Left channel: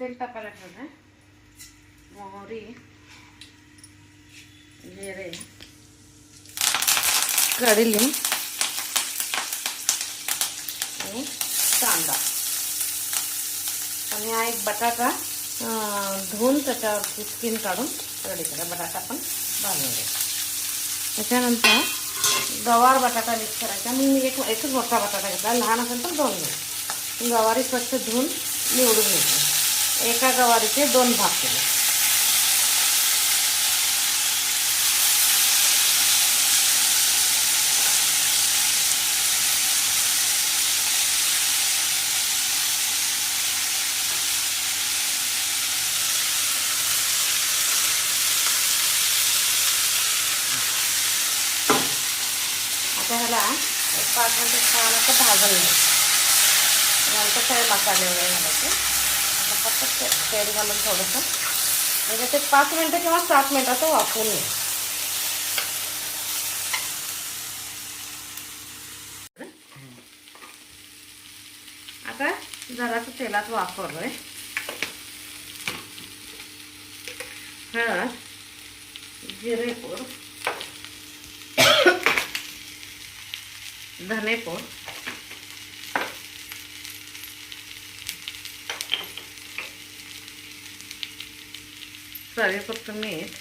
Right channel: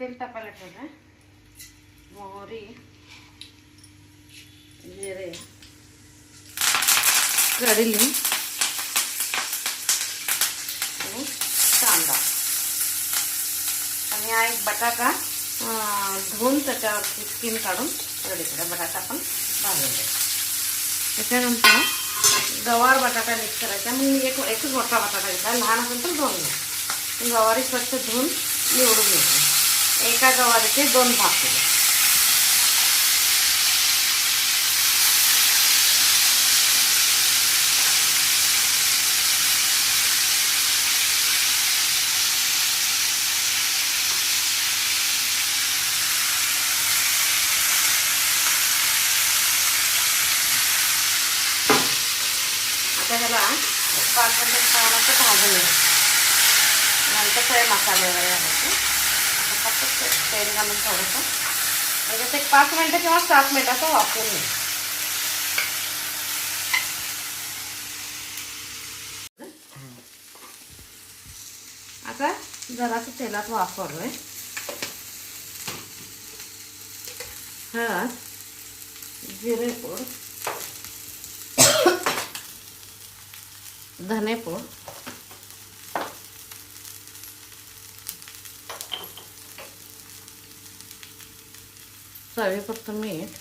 तेल टाकायला ठेवलं मोहरी जिरे कढीलिंब आणि कांदा आणि हा एक बटाटा अं, धुवून त्याच्यावरची स्किन काढून रेडी करा बटाटा पण भाजून घ्या त्याच्यानंतर गवार बटाटा मिक्स करायचा मग मी एक एकच मोठा बटाटा घेतला लहान असेल तर दोन घ्या गवारी स्वच्छ धुवून निवडून घेतली एका गवारीचे दोन भाग केले आता ह्याला पाच मिनिटं ठेवायला तर भाजून घ्यायचं नंतर फ्राय मसाले वगैरे घालायचे आता फक्त ते- तेल घालून थोडंसं म्हणजे ते पाच मिनटं किंवा सात मिनटाचं वापरून घ्या आता जरासं तेलात वापरलोय. हळद जिरेपूड धनेपूड चवीपुरतं मीठ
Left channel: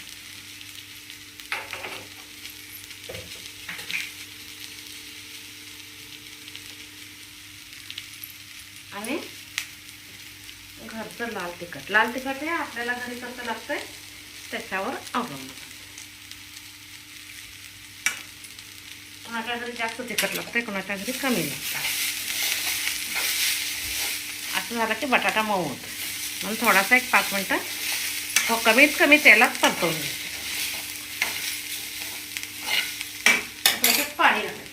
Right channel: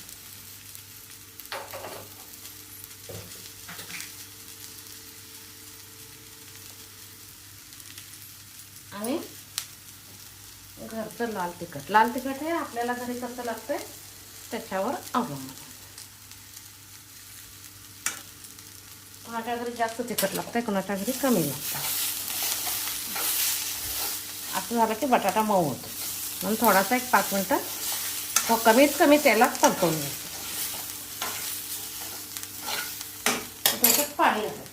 आणि घरचं लाल तिखट. लाल तिखट हे आपल्याला घरी कसं लागतंय? त्याच्यावर अवलंबून कुणाच्या घरी जास्त तिखट लागतंय कुणाच्या घरी कमी लागतं असं झालं की बटाटा मऊ होतो. म्हणून थोडासा एक पाच मिनटं तो कमीत कमी तेलात परतवून घ्यायचं पाणी घालायचं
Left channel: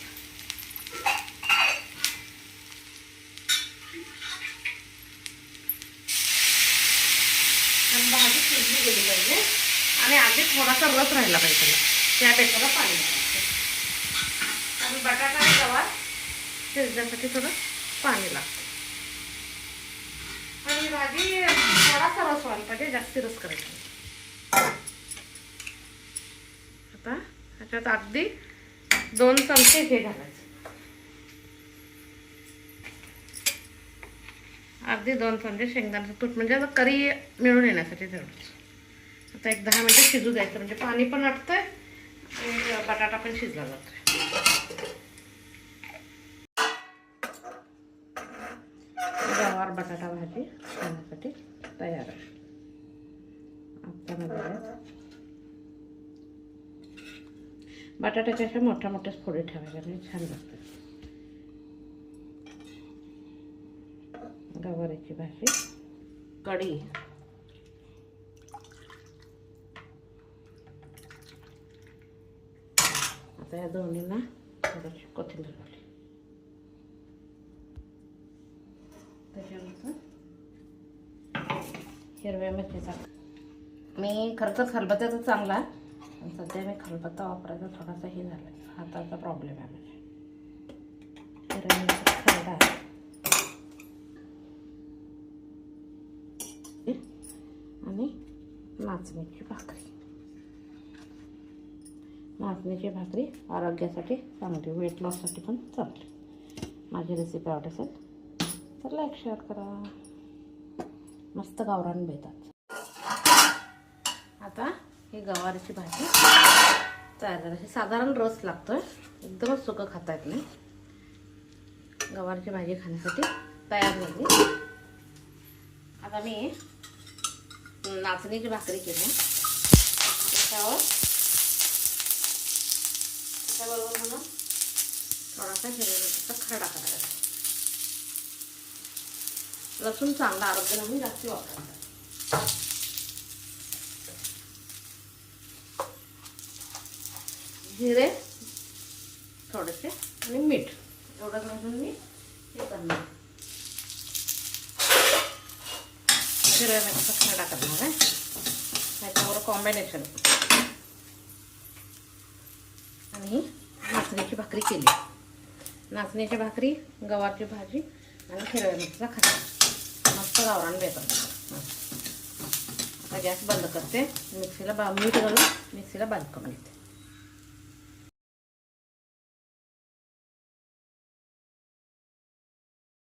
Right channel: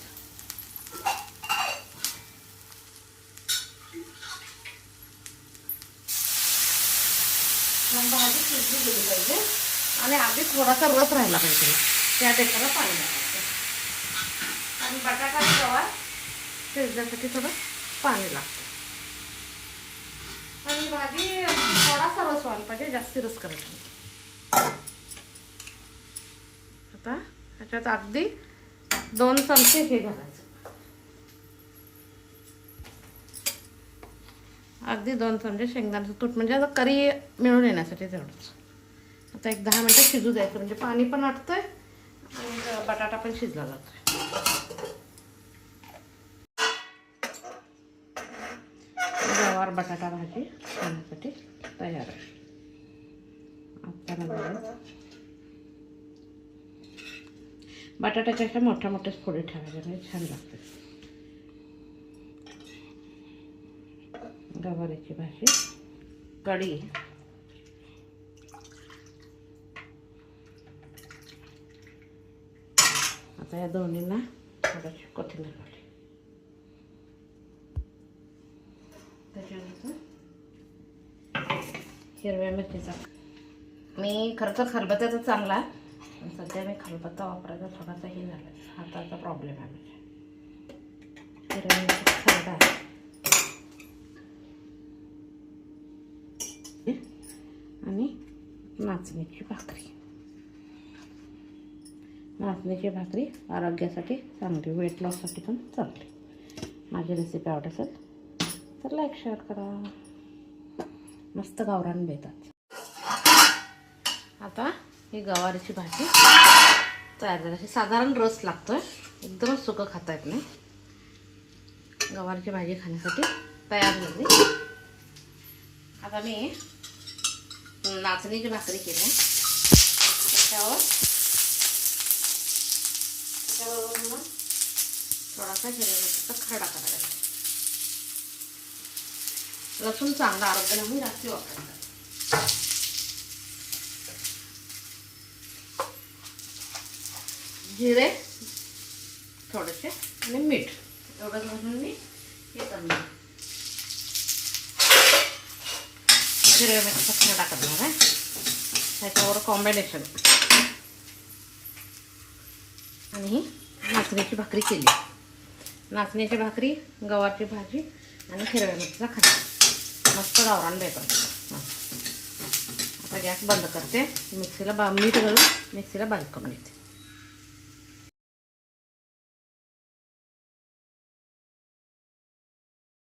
भाजी शिजली गेली पाहिजे. आणि आधी थोडासा रस राहिला पाहिजे त्यापेक्षा पाणी घालायचं आणि बटाटा आणि गवार शिजण्यासाठी थोडं पाणी लागतं. आणि भाजी थोडासा रस व्हायला पाहिजे जास्ती रस करायचा नाही. आता ह्याच्यात अगदी दोन चमचे हे घालायचं. अगदी दोन चमचे शेंगदाण्याचं तूट म्हणजे आता करी मिळून येण्यासाठी तेवढंच. आता एक दहा मिनटं शिजू द्यायचं म्हणजे पाणी पण आटतंय आणि बटाटा पण शिजला जातोय. गवार बटाटा भाजी खाण्यासाठी तयार आहे आता बघूया. बटाट्याच्या अशा मोठ्या मोठ्याच फोडी ठेवायच्या म्हणजे छान लागते गवारीची भाजी कढी आता या दोन्हींना थोडीशी कोथिंबीर त्याच्यानंतर हिरव्या मिरचीचा मी खरं तर खलबत्त्याचा चांगला आहे. पण सध्या मी खलबत्ता वापरायचा थोडासा हे झाला हाताचा प्रॉब्लेम आहे म्हणजे. हिरव्या मिरची खरडा आहे. आणि नाचणीची भाकरी. नाचणीची भाकरी आरोग्यासाठी चांगली वेट लॉससाठी पण चांगली. माझी रेसिपी आवडत असेल तर लाईक शेअर करा. मस्त गावरान मिळतात आता ही गवारीची भाजी. तयार करायची साधारण रस लागतोय. एकदमच सुकं खाता येत नाही गवारीची भाजी खाण्यासाठी तयार झाली. आता मी नाचणीची भाकरी केली. त्याच्यावर त्याच्याबरोबर मला थोडासा हिरव्या खरडा करायचा. लसूण चांगला आरोग्याला म्हणून जास्ती वापरायचा जिरे थोडेसे आणि मीठ. एवढं घालून मी हे करणार. मिरचा खरडा करणार आहे त्याच्यावर कॉम्बिनेशन आणि नाचणीची भाकरी केली. नाचण्याची भाकरी गव्हाची भाजी आणि हिरव्या मिरचीचा खरडा ಅವ್ರು ಅನ್ಬೇಕು ಹಾಂ ಗ್ಯಾಸ್ ಬಂದಕ್ಕತ್ತೆ ಮಿಕ್ಸಿಲ ಬ ಮೀಟುಗಳು ಮಿಕ್ಸಿಲ ಬಂದ್ಕೊಂಡೈತೆ